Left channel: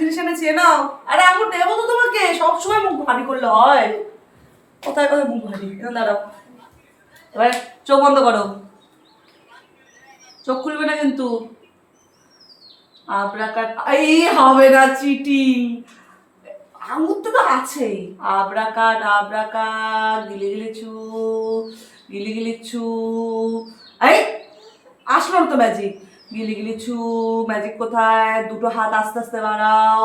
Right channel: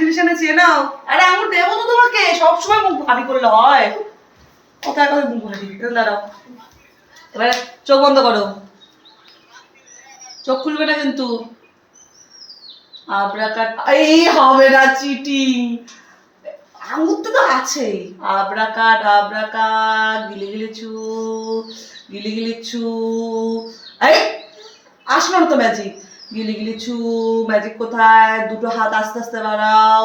জিনিস এনেছি নাও। আরে আঙুর দেবো তো তোমাকে, সবসময় মুখ ভারী করলে হয়? কোথায় কোথায় মুখ ভারী? দাঁড়াও, এবার চোখ বন্ধ করো, চোখ খুলবে না কিন্তু। আবরাকাট এই হবে না, চিটিং। আঙুর তো আছেই। আবরাকাট গিলি গিলিছু, গিলি গিলিছু। এই আসলো না তো ম্যাজিক। গিলি গিলিছু, ম্যাজিক কোথায়? দুটো হাত আস্তে আস্তে বাড়াও,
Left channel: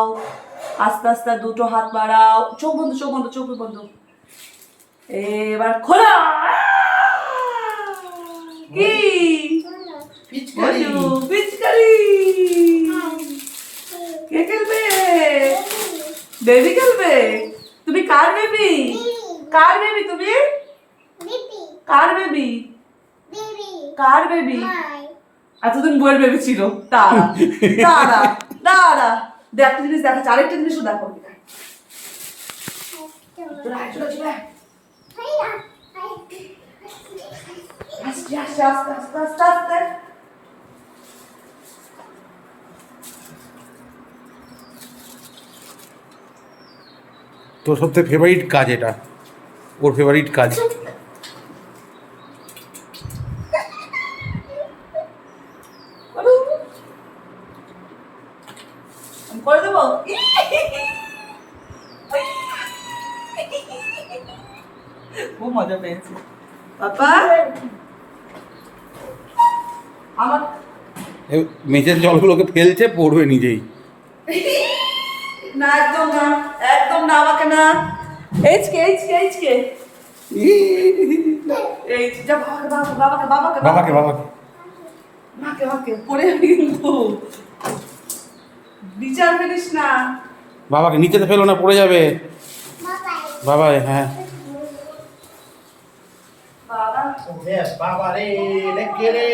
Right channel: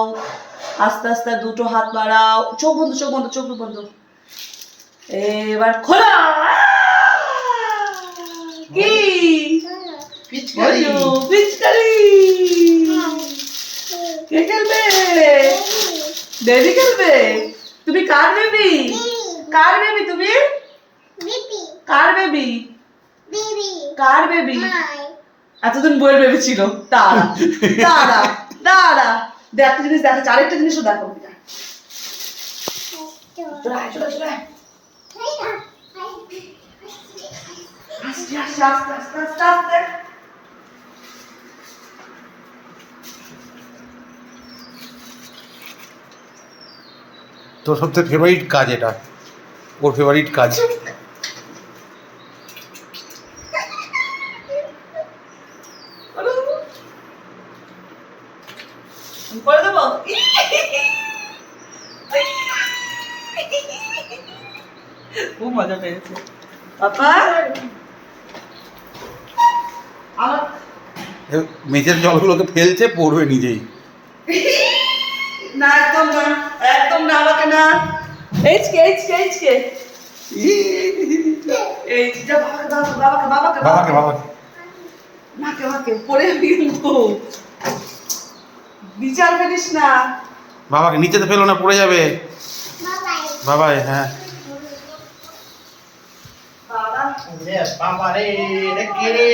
আস্তে আস্তে দুটো হাত বাড়াও। চোখ বন্ধ, চোখ বন্ধ, চোখ বন্ধ। এবার খোলা। কি পিচকারি? পিচকারি কে খেলবে? বেবি খেলবে? তুমি কার বেবি? কার বেবি তুমি? কার বেবি? কার বেবি? এতদিন বইয়ের বেবি ছিল। দাঁড়া দাঁড়া দাঁড়া, একটা জিনিস দেখাচ্ছে, আরেকটা জিনিসও দেখো। চলে আয়, চলে চলে আয়। আস্তে আস্তে আস্তে আস্তে আস্তে আস্তে। তোর সবথেকে ফেভারিট কাজ এটা, ওর ফেভারিট কাজ। করে দেবো। খুব মজা পেয়েছে পাপা। আমার মেঝের জলগুলোকে ফেলছে, পড়বে নিজেই। না, একদম না, একদম না, আমাকে না। এইচকে এইচকে এইচকে এই যা, বাবাকে বাবাকে বাবাকে বাবাকে বাবাকে মাকে মাকে পড়ে যাবি কিন্তু, বিচার করিস না। বাবাকে নিচেতে ফেলো না, পড়ে যাবে। বাবাই, হ্যাঁ। বাবা বাবা রে, এটা কে রে?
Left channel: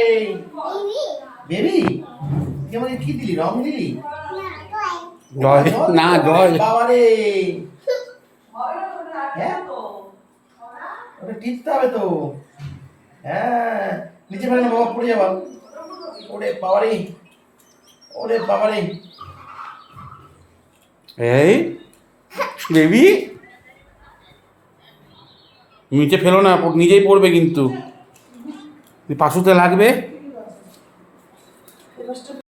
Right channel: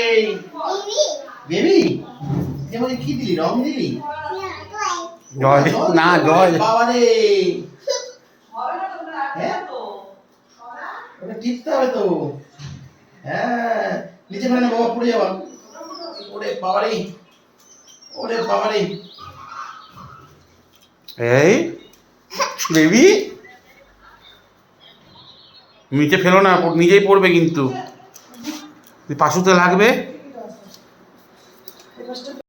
বেবি যেমন কি দিলি, রং দিলি? জয় না, জয়। বাবা রে, হবে না তোমরা, হ্যাঁ? তো ওটা টিপতে হবে তো। হ্যাঁ, নিচে ফেলে না বাবা, পড়ে যাবা। ওরে বাবা রে, ওরে বাবা রে। এই বেবি, নিচে ফেলো না, নিজেই পড়বে কিন্তু। পাশুতে লাগবে।